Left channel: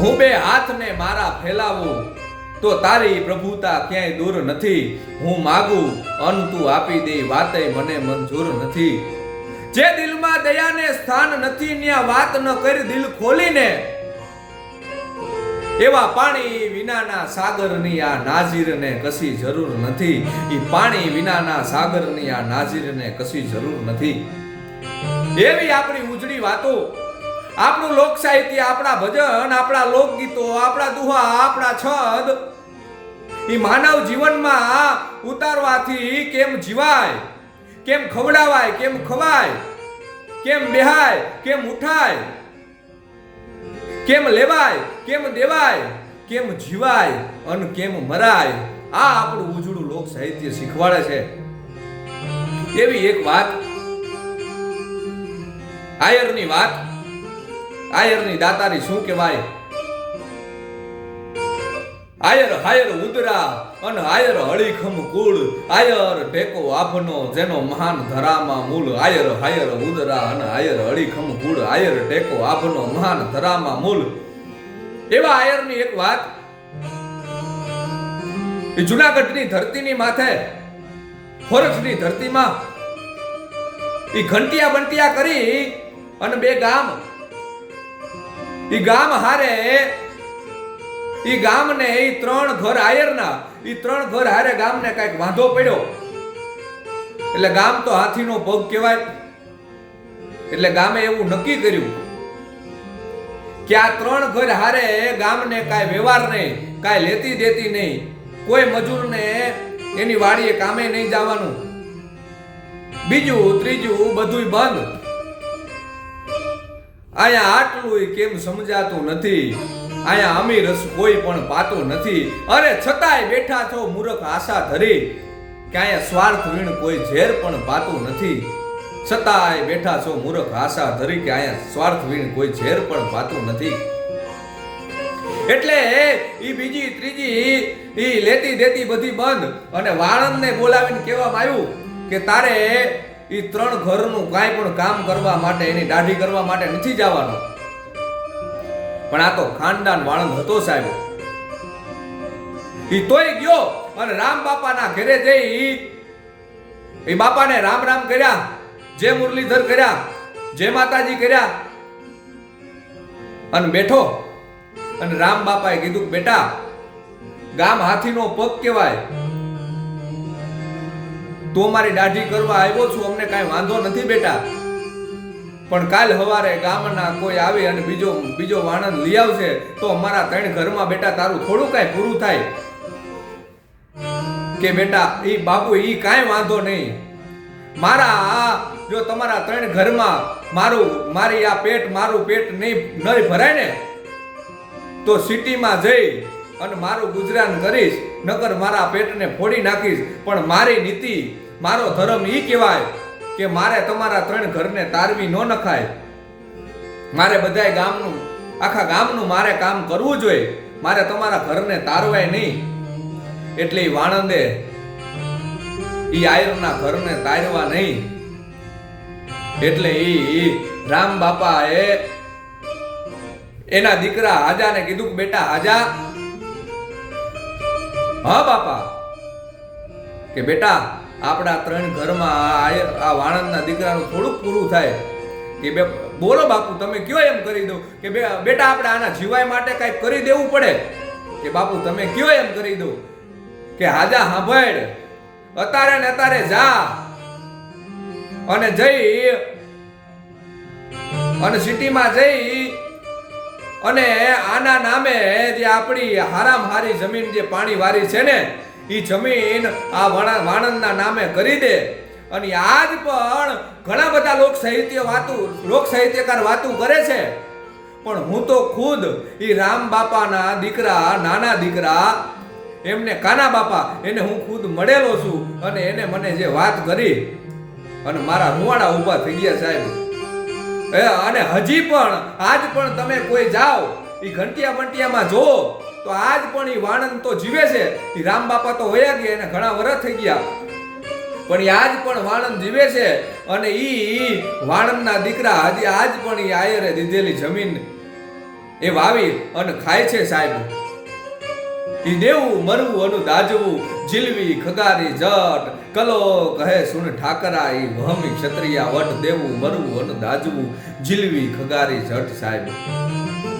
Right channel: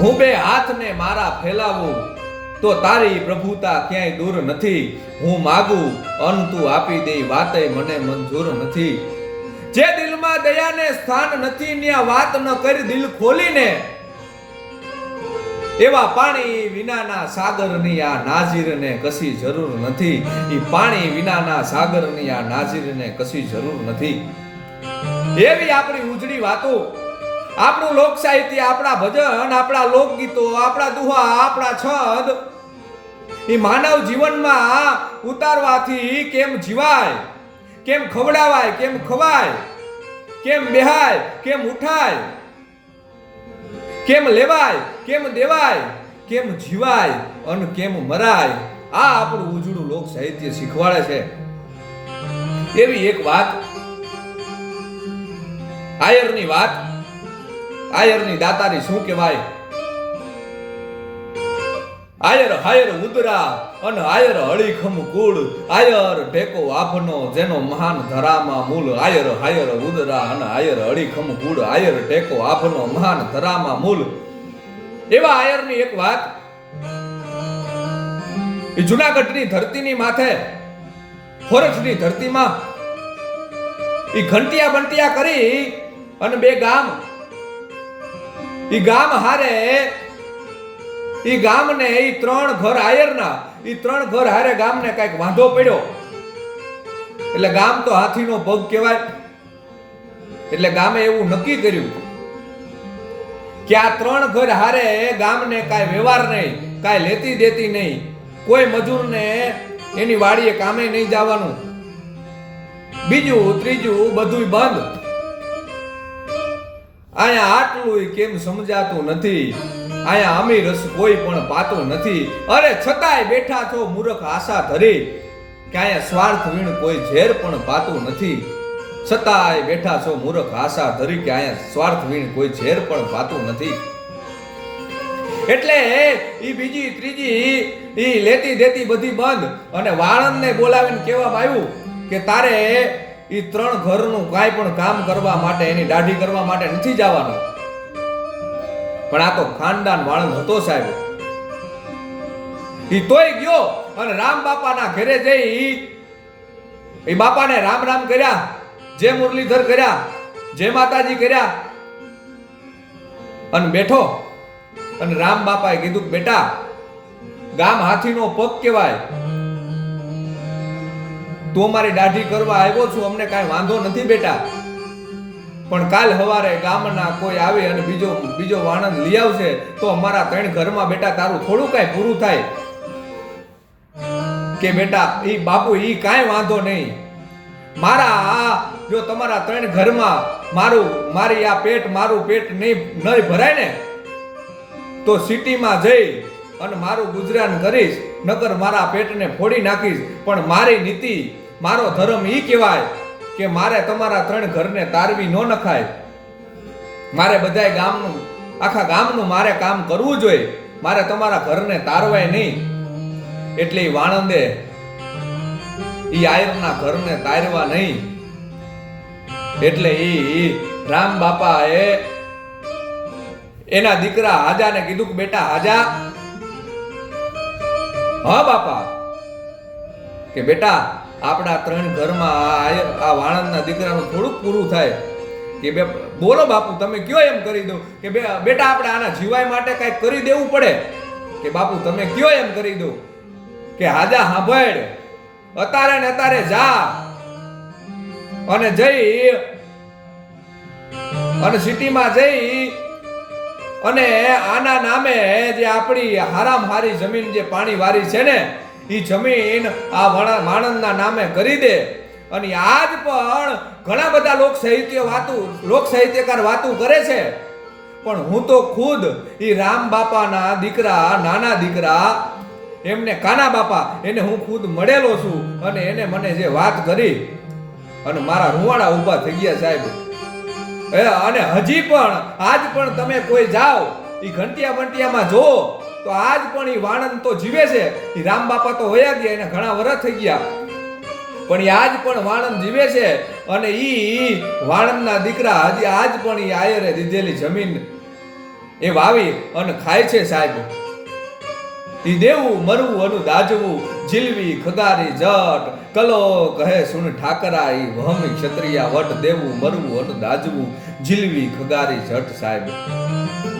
હું બે હાથને મારા ફેલાવું તો તારી પ્રભુતા ક્યાંય દૂર નથી. હું માગું અન તું આપી દે વાતે મને મંજૂર નથી. જે દિલમાં દયાને સ્થાન નથી ત્યાં વાત ન કરી દિલ ખોલીને, એવા પાણી વિનાના સાગરની આ નાઝીરને કશી જરૂર નથી. એ પાણી વિનાના સાગરની આ નાઝીરને કશી જરૂર નથી. એવી આપણી ઉજળી વાતો, આપણું લોક સાહિત્ય, આપણા ભજન, આપણા લોકગીતો, આપણા દુહા, આપણા છંદ એ માનવ જીવનમાં ઉતારવાથી કેમ જીવાય, કેમ ખવડાવાય, કેમ ખવાય, કેમ બેહાય, કેમ ઉઠાય, કેમ લેવાય, કેમ દેવાય, કેમ જીવાય અને કેમ મરાય, આ આપણું ઉજળું લોક સાહિત્ય શીખવાડે છે. એવી એક વાત, આયરની વાત, આયરની દાતારી શું કહેવાય? આયર હાયર ઉદરા અને આયર હળીખમ કુળ, આયર ટેકો આભનો જેનો મહાન ધરામાં મૂળ. આયર હાયર ઉદરા અને આયર હળીખમ કુળ, આયર ટેકો આભનો મહાન ધરામાં મૂળ. એવા આયરની એક વાત, એ જુનાગઢની ધરતીની માથે, ફોરજની ધરતીમાં એ ઘંટિયા બંટિયા કરી અને બે ગામ, એ ગામ હારે, એ ગામને એ ત્રણ ઘર આયરના, એ ત્રણ ઘર હારે ગામને કઈક વાંધો પડ્યો. એટલે ગામ તો હાથીનો પગ કહેવાય. એટલે ગામે એવું નક્કી કર્યું કે આ ત્રણ ઘર હારે ગામને કાંઈ વ્યવહાર નહીં, કાંઈ લેતી દેતી નહીં, કોઈ મજૂરને એની વાડીએ કામે નહીં જવાનું, બીજું ત્રીજું બધું બંધ. અહીંયા આટલું કેમ સમજાતું નથી? અહીંયા અમીર કોઈ પણ પાતું નથી. અરે છતાંય બેઠા છો મૂર્ખ આશા ધરી કે અહીંયા સ્વાર્થ વીણ કોઈ ઝેર પણ પાતું નથી. છતાંય બેઠા છો મૂર્ખ આશા ધરી કે અહીંયા સ્વાર્થ વીણ કોઈ ઝેર પણ પાતું નથી. એટલે ઈ બીજી ત્રીજી ઈ લેતી દેતી બધી બંધ અને વાળંદને બોલાવીને કહેવામાં આવ્યું કે તારે ઈ ત્રણ ઘરનું કાંઈ પણ કામ કરવા માટે, એની દાઢી કરવા માટે નથી જવાનું. પણ આ તો ખાનદાન વાળંદ હતો સાહેબ. ઈ તોય ગયો અને રામ બાપાના ઘરે જઈ એ બાપાને રામ રામ કર્યા, જય મુરલીધર કર્યા, જય માતાજી કર્યા અને બેઠો. અને રામ બાપાએ કીધું બેટા, ગામ હાથીનો પગ કહેવાય, તું અમારી દાઢી કરવા આવ્યો છું, અમને કાંઈ વાંધો નથી બેટા, પણ કાલ સવારે ગામના કોઈ આવી અને બીજો વાણંદ લઈ આવશે તો અમારા ત્રણ ઘરમાં બેટા તારું થોડું કાંઈ પૂરું થાય. કે બેટા ઈ બાપુ ઈ કાંઈ વાંધો નહીં, મારા જો તમારા ત્રણ ઘરમાં મારી આ પેટ, મારું પેટ નહીં ભરાય ને તો સિટીમાં જઈ અને મારું ગુજરાન કરીશ, નકર મારા પેટને ફોડી નાખીશ. પણ મારી નીતિ, મારો ધર્મ ઈ કહેવાય કે મારે તમારા ત્રણ ઘરને તારવી ન નખાય. મારે બધાય ગામનું, આખા ગામનું મારે કામ કરવું જોઈએ, મારે તમારા ઘરને તારવાય નહીં. એટલે ઈ વાણંદે ઈ આયરના ઘરને તારવા નહીં. એટલે ઈ રામ બાપાએ એના દીકરા હાજાને કીધું કે બેટા હાજા, હા બાપા, કે બેટા આપણા ત્રણ ઘરમાં આ વાણંદના દીકરાનું થોડુંક પૂરું થાય. કે બોલો બાપુ તમે કયો એમ કરી દો. કે બેટા આપણે આના જીવાય માટે કંઈક કરી દેવું પડે. કે બાપુ તમે કયો એમ કરી દો. કે હાજા સાંભળ, અતારે ને અતારે જા અને જઈ અને સિટીમાં જઈ અને આના નામે જે આપણી હારામ હારી જમીન જે પાણી વાળી છે ને, એ જમીન આ વાણંદના નામે કરી દે. અને આજ પણ ઘણા બધા લોક સાહિત્યકાર વાતું કરે છે, પણ હું તો ખુદ એ રામ બાપાના દીકરા, નાના દીકરા, એમને કાના બાપા, એને હું ખુદ મળેલો છું. અને એને મને જે વાત કરી અને મારા રૂવાડા ઊભા થઈ ગયા સાહેબ. અને હજી પણ આજ પણ તમે કોઈ જાઓ એ ઘંટિયા બંટિયામાં જો તો આજ પણ એ વાણંદ તો જીવે છે. એ રામ બાપા તો વયા ગયા, એને ઘણા વર્ષ થઈ ગયા, પણ એ આજ પણ વાણંદ જીવે છે. અને ઈ વાણંદના દીકરા હજી આજ પણ એ આયરે દીધેલી જમીન એ વાવી અને ખાય છે સાહેબ. ઈ દેવું મરવું અનુ દાજવું જીલવી ખગારી જટ કલો કહે સુન ઠાકરા ઈ વહમી ક્ષત્રિયા વટ દેવું મરવું અનુ દાજવું જીલવી ખગારી જટ સાહેબ.